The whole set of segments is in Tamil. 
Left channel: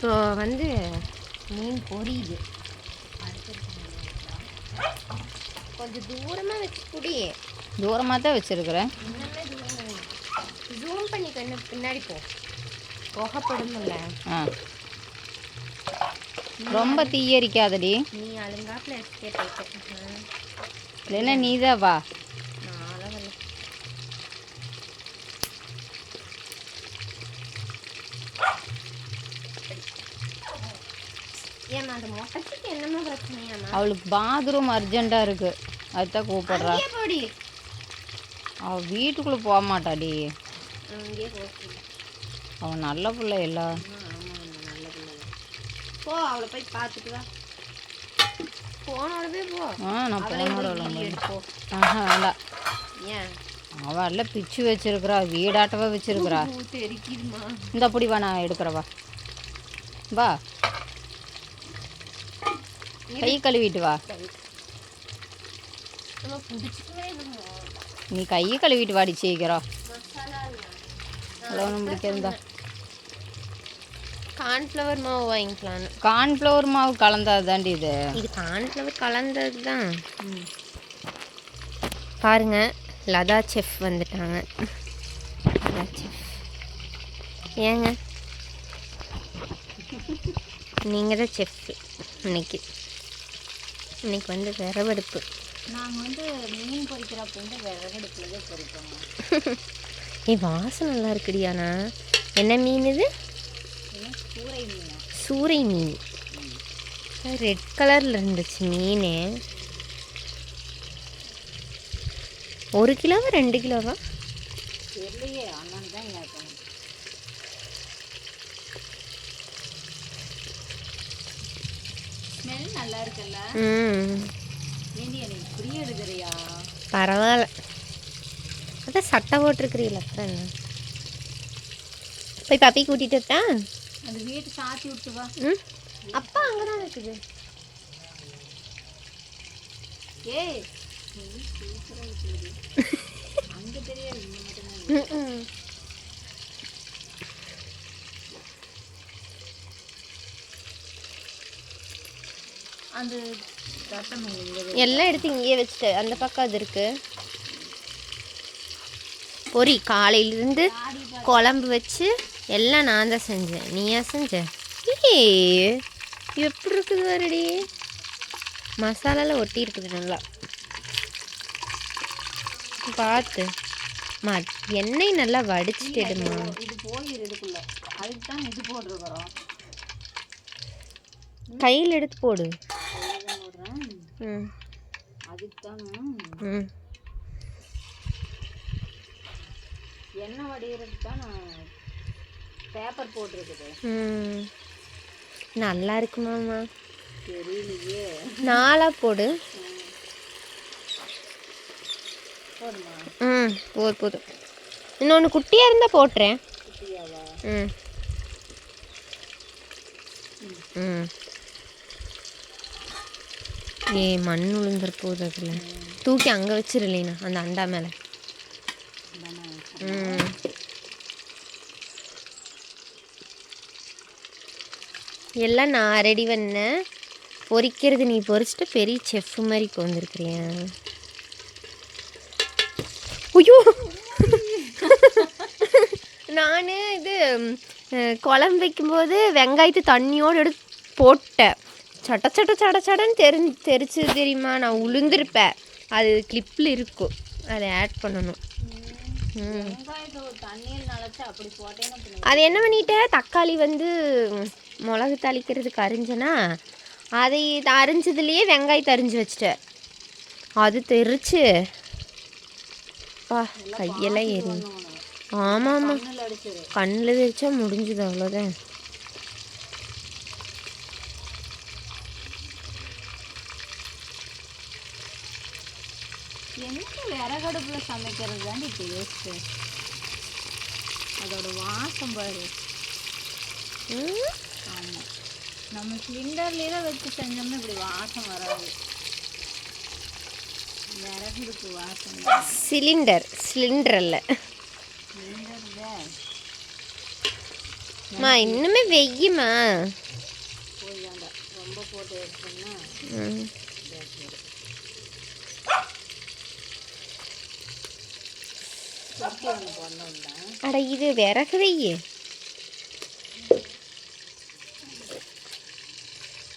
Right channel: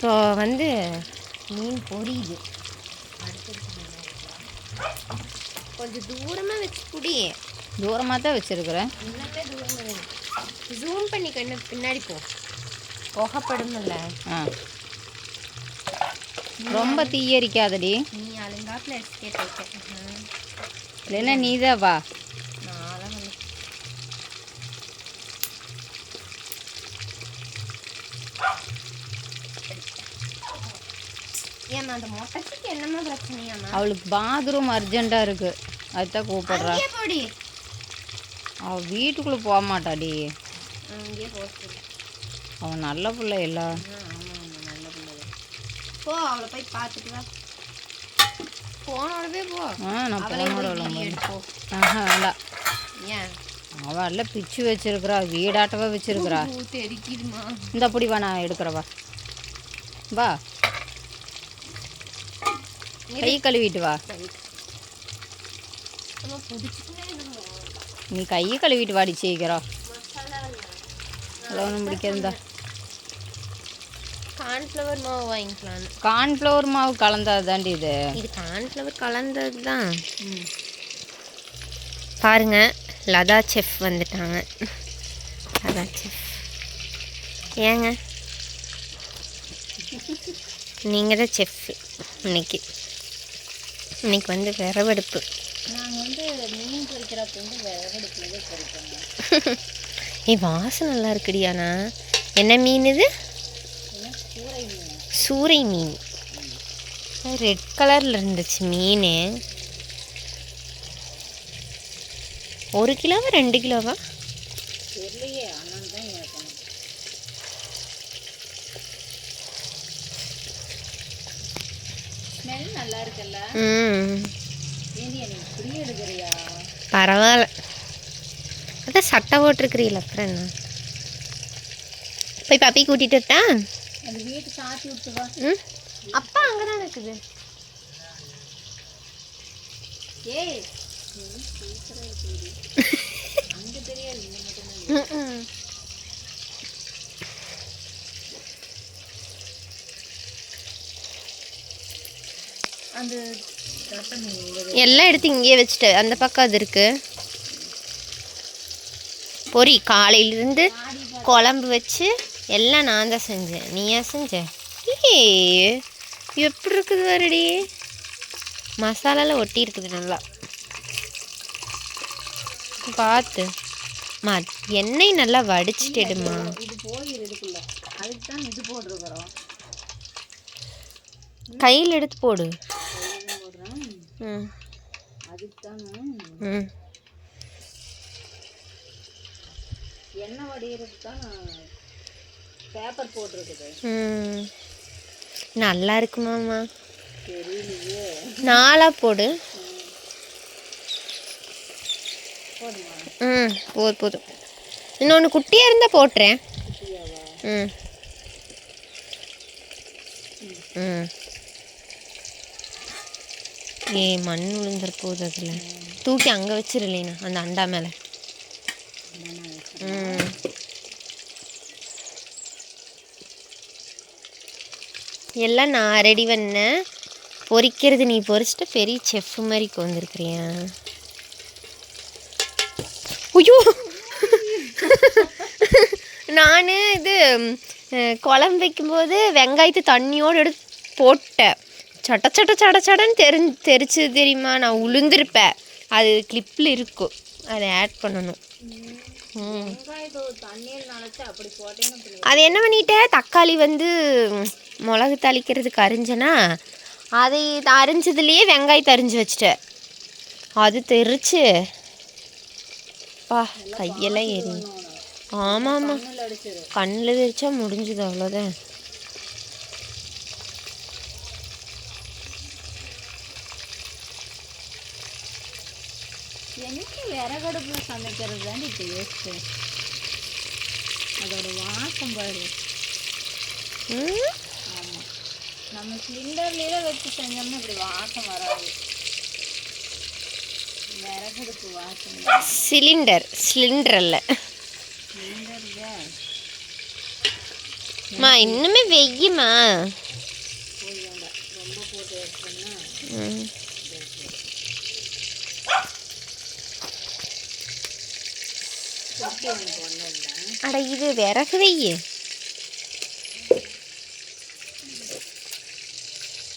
இப்போ வந்து மீன் பொரியுது. கொஞ்சம் தூரமாக வச்சு புடி தூரமாக தான் வச்சுருக்குறேன் ஜூம் பண்ணி கண்ணு பின்னாடி போ. புகைப்படுமில்ல ஆ. ரொம்ப தீயரிக்காதடி. நீ அழுங்காப்பில் இல்லைன்னா நீ தான் வா. அவளுக்கு பாத்ரூம் அர்ஜெண்ட்டாக இருக்குது அதுதான் கூப்பிடுறா. அவள் வீட்டுக்குள்ளே போக மாட்டாடி அவன் நல்ல பிள்ளை இல்லை போ அவளை போய் பார்த்துட்டு வா. போனோடவே போ. ஆ நான் போனோட. ஆஹா வேண்டாம். ஏன்? அவள் எல்லாம் பிச்சு வச்சிருக்கிறா வீடாட்டவே வச்சிருக்கிறா. இந்த அப்படி வா நான் எடுக்கிறவா வா. கை கழுவிட்டு வா. நீ கையை கழுவிட்டு வாடி சீக்கிரம். ஒன்றும் பிடிக்காதுந்தா கார்ன்ஃப்ளவர் மாவு வாங்கிக்கலாம்னு கார்ன்ஃப்ளவர் மாவு கலந்தது தாண்டி இது. இது கார்ன்ஃப்ளவர் கலந்தது தான் பாருங்க லதா செஃப் வந்துட்டாங்க. லதா செஃப். ஏங்க? நீங்கள் தான் செஃப் இன்னைக்கு. இன்னைக்கு வந்து விரவெடுப்பு நாங்கள் வந்து மீன் பொரிக்கிறப்ப வந்து விறகடுப்பில் தான் பொரிப்போங்க ஏய் வாசம் நல்லா இருக்குடியாண்ணா என்ன மீன் இது? கூரை மீன். சூறை மீன். ரெட் கலரில் இருந்துச்சு மீன். ஒரு கிலோவா ரெண்டு கிலோவா? தெரியலையே அண்ணன் தான் கேட்கணும். ஸ்மெல் நல்லா இருக்குல்ல ம். ஏண்டி நீ இப்படி எடுக்கிறியா? பரவாயில்ல. அதான் சட்டை போட்டிருக்கிறீங்கள அப்புறம் என்ன? போய் பப்பி கூட்டிகிட்டு வரட்டா? அந்த வீட்டு சாத்தி விட்டு வா. ம்? அப்பா அங்கே தான் இருக்குது. ஏய் அங்கே தெரியாது இந்த மட்டும் ம் அந்த ரத்தம் இங்கே எல்லாம் எடுத்து இங்கேயே வச்சுட்டு அந்த பக்கம் அது இருக்கு. பொரி காலையிலேருந்து குழம்பு வச்சு எல்லாம் நான் தான் செஞ்சேன். நீயா செஞ்ச? ஏய் எப்படி இருக்குது வருடி மசாலாலாம் ஒட்டி இருக்குது நல்லா. பார்த்து. மா எண்ணெய் நல்லா வடிச்சிட்டுடுமா இது போயிரு இதுக்குள்ள அதுக்கு தான் இது போட்டிருக்கிறோம். கையில் எடுத்து போடு. அதுக்கு தான் எண்ணெய் வடிகிறதுக்கு தான் நான் பேப்பர் போட்டிருக்குது. ம். நல்லா இருக்குமாம்மா தெரியலையே. நாலாக போடு. ம் போதும் போதும் இன்னொன்று குட்டியாக இருந்தால் போட்டுறேன். ம். ம். ஏ மண் விழுந்துருப்போகுது அதில். தூக்கி அங்கே வச்சிருலேண்ணா அந்த அண்டா மேலே. ம். எல்லாம் நான் ரெடி பண்ணேன் பொரிக்கிறது நீ பொரிச்சிட்டு பெரிய செஃப் மாதிரி வந்திருக்கிறியா? ஐயோ! நான் இது குழம்பு வைக்கும்போது வெங்காயத்தை தண்ணியோடு எடுத்து போட்டேன். சட்ட சட்ட சட சடன்னு தெரி தெரிச்சு தெரியுமா? நான் உளுந்திருப்பேன் அது கிளிப்பில் இருக்கும் அதை ஆட் பண்ணணும். அது என்ன பண்ணிட்டேன் தக்காளி வந்து மிளகு தாளிக்கிறதுக்கு அரிஞ்சனா அதை அரிஞ்சதுலேயே வெங்காயத்தை அரிஞ்சு வச்சிட்டேன் அது தெரிச்சு. பா கையெல்லாம் எரி ஆமாம் ஆமாம் கண்ணில் தெரிச்சா முடிஞ்சுது அவ்வளோதான் எங்கே விறகடுப்பில் சமைக்கிறது தாண்டி டேஸ்ட்டு அதோட வாசம் பாரு. ம்? ஆமாம் நம்ம சிலிண்டர்லேயே வச்சு செஞ்சோம்னா இப்படி வாசம் வராது. விறகடுப்பு வாசம் தான். சிலிண்டர் சிலிண்டர் தான் அம்மா இன்னுமே வெய்யுமா? ரொம்ப போட்டு எடுத்தோம்னா அட இது விறகு வெய்யு.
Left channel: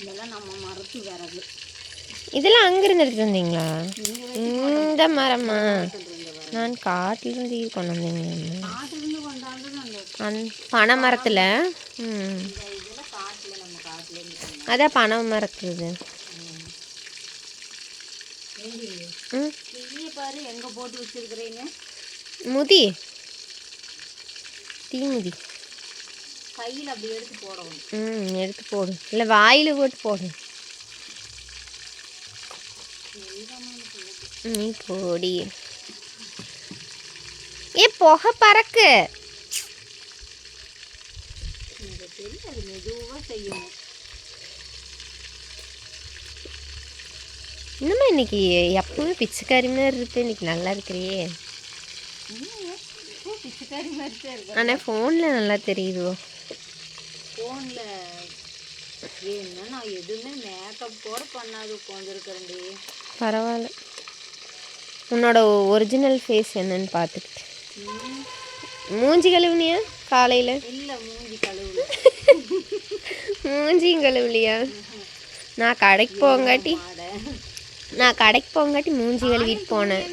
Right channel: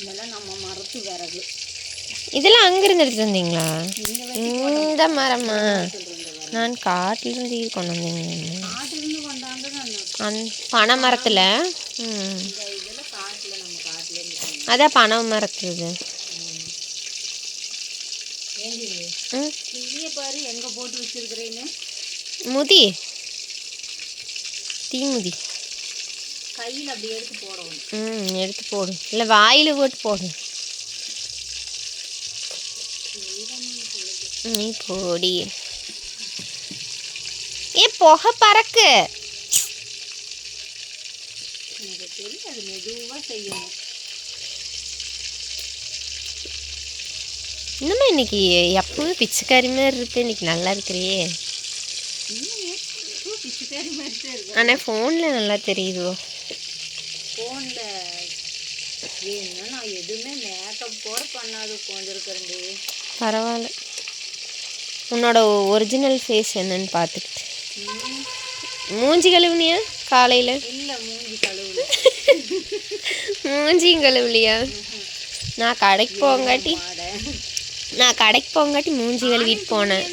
இதெல்லாம் நம்ம மரத்து விறகு. இதெல்லாம் அங்கிருந்து எடுத்துட்டு வந்தீங்களா? இந்த மரமா? நான் காட்டிலிருந்து இது கொண்டு வந்தீங்க அந் பனை மரத்தில்? அதான் பனை மரத்துது. ஏண்டி? ம். தீய பாரு எங்கே போட்டு வச்சிருக்கிறேன்னு. முதி. தீமுதி கையில் அப்படி எடுத்து போடணும். ம் எடுத்து போடு. இல்லை வாயில் போட்டு போடு. நீ போடி. ஏ புகை பறக்கு. எனக்கு தெரியும் அது மெதுவாக செய்யணும். இன்னுமா இன்னைக்கு எப்பவும் பிச்சைக்காரி மாதிரி இருப்பேன் இன்னைக்கு நல்லா இருக்கிறியே இன்னும் ஏன் ஓ, பிச்சைக்காரி மாதிரி தான் இருக்கு ஆனால் ஃபோனில் நல்லா தெரியுதோ ஃபோனில் ஏன்னா நான் எதுவுமே மேக்கப் கூட பண்ணாது உட்காந்துருக்கிறேன்டி பரவாயில்ல. உன்னோட ஒரிஜினல் ஃபேஸ் என்னன்னு பார்த்துக்கிட்டு. மூஞ்சி கழுவுனியா காலையில்? இல்லை மூஞ்சி கழுவுல. மூஞ்சியும் கழுவுலையா? நான் கடைக்கு போங்காட்டி நான் கடைக்கு போங்காட்டி மூஞ்சி கழுவிட்டு போனேன்.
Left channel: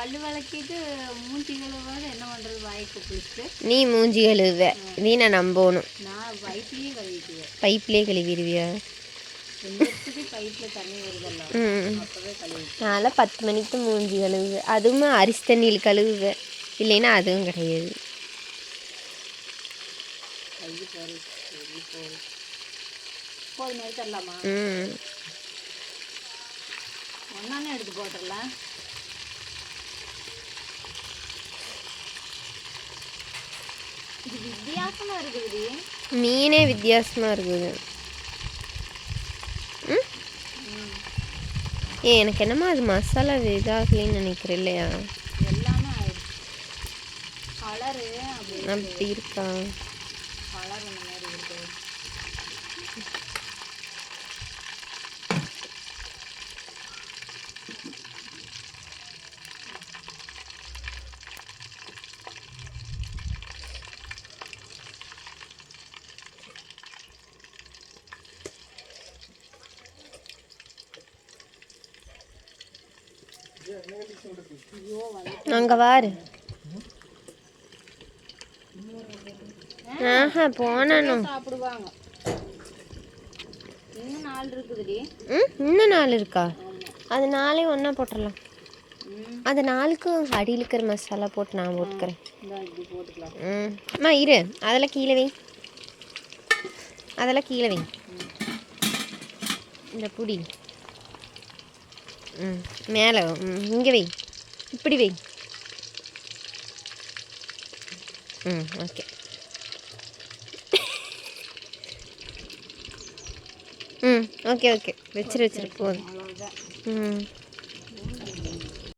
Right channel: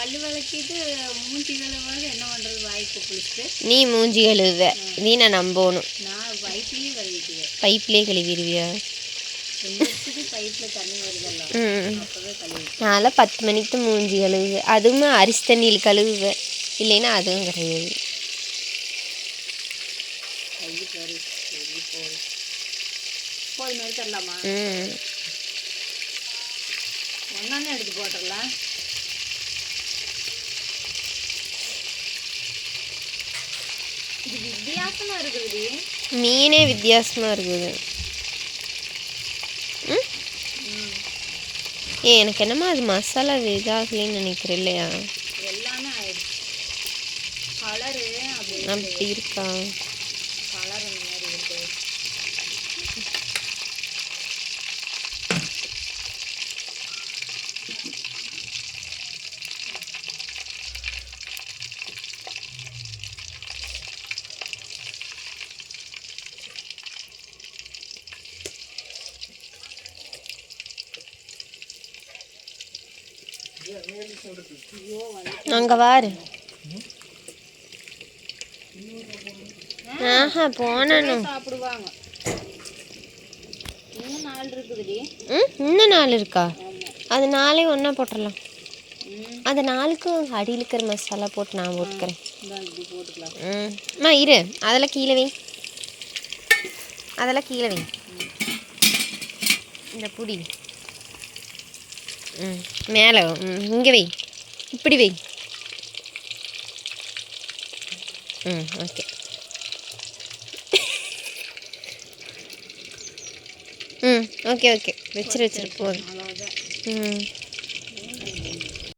பல்லு விளக்கிட்டு மூஞ்சி கழுவாத என்ன பண்ணுறது வாய்க்கு குளிச்சுட்டு. நீ மூஞ்சி கழுவுவ. நீ நான் நம்பணும். நான் பைப்லேயும் கழுவிக்குவேன். பைப்லேயே கழுவிடுவியா? பைப்பில் தண்ணி வருதல்ல. கழுவி நான்லாம் பத்து மணிக்கு மூஞ்சி கழுவுவேன் அதுவுமே அரிசி தண்ணியில் கழுவுவேன் இல்லைன்னா அதுவும் கிடையாது. கை பாரு சரி போய் போய் மாதிரி தரலாமா ம். ஒன்னானே எடுத்து போட்டுடலாம் வித்தியாசமா இருக்குதுடி. மீனே வித்தியாசமாக இருக்குது. ஏ எனக்கு என்னமோ அது மசாலா இதாகலின்னு நினைக்கிறேன் இல்லையா? எல்லாமே ஆயிடுச்சு. கலரு அப்படி இருக்கா கலர் அந்த மாதிரி இருக்கு ஐயோ வந்து அங்கே வாரு. ஆஹா போனணும் சாப்பிடுவாங்க இன்னும் நாள் இருக்குதுடி ம் இன்னும் நாள் இருக்கா? அது நாளே ஒன்றா போட்டுடலாம் அந்த நாளுக்கும் அடியில் இருக்கிற மசாலா போட்டு நான் போட்டுக்கிறேன் ம். அம்மா இரு. அதெல்லாம் கீழே வை. அதெல்லாம் கீழே வை. இந்த புடி. ம் மேலே ம் இங்கே வை. இப்படி வை. ம் ஓகே ம் ஓகே ஓகே வச்சிரு வச்சிரு போதும். ம்.